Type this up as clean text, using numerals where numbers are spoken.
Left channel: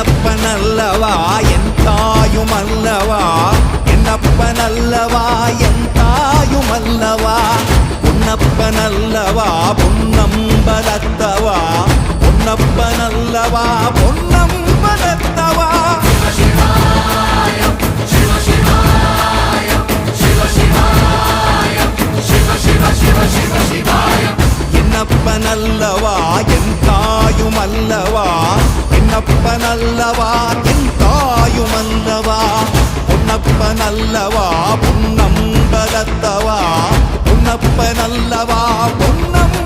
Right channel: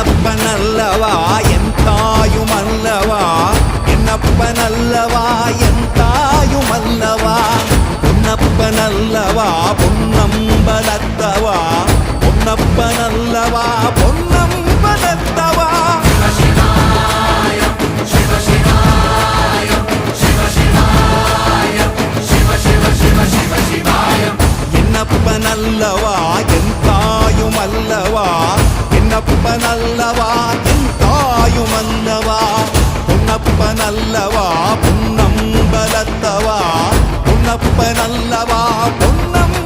என்னப்பனல்லவா என் தாயுமல்லவா என்னப்பனல்லவா என் தாயுமல்லவா பொன்னப்பனல்லவா பொன்னம்பலத்தவா பொன்னப்பனல்லவா பொன்னம்பலத்தவா என்னப்பனல்லவா என் தாயுமல்லவா என்னப்பனல்லவா என் தாயுமல்லவா பொன்னப்பனல்லவா பொன்னம்பலத்தவா பொன்னப்பனல்லவா பொன்னம்